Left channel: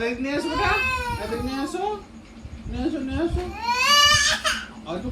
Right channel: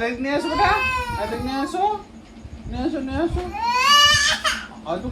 Bag নিয়ে এসো বেটা, ব্যাগ নিয়ে এসো, নিয়ে এসো, নিয়ে এসো। আজু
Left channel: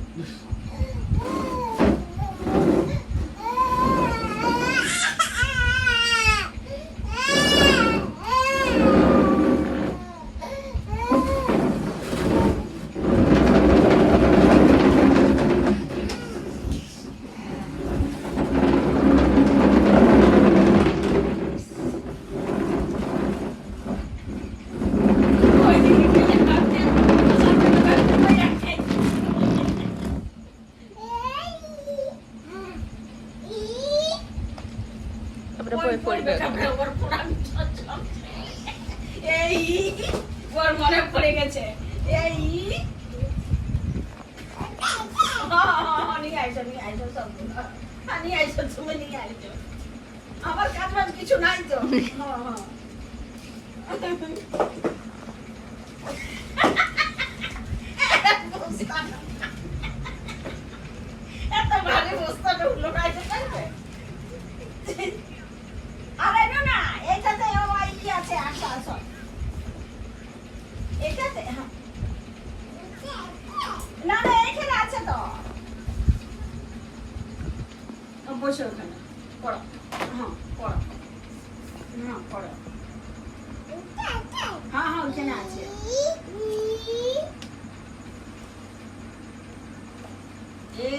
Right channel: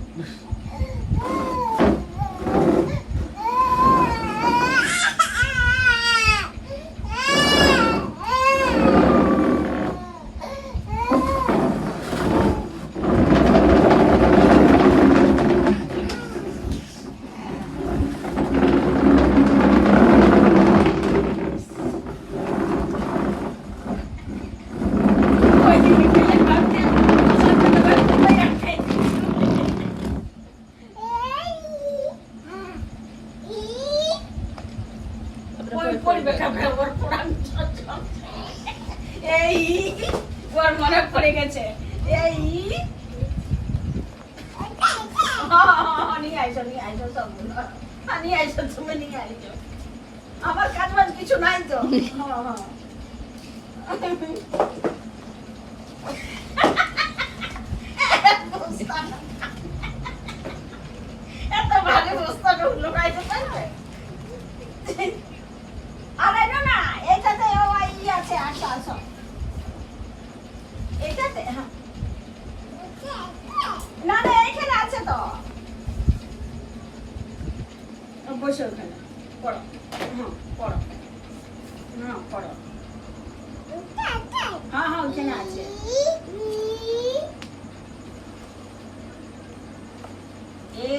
মনে পড়ে গেছে এই নিয়ে আইসো, নিয়ে আইসো, সব নিয়ে আইসো, তুমি নিয়ে আইসো। আমার কাজ বাজ কিছু নাই তো। এত ভালো বস্তাটা লুকাইতে পারবে? আরে না, এটাতে ওই আছে, আসো আসো, এটাতে। হ্যাঁ, না না, এখানে আছে তো। বসে ওখানে পড়ো। হ্যাঁ পড়ো, হ্যাঁ পড়ো। হ্যাঁ হ্যাঁ, ওখানে আছে। এ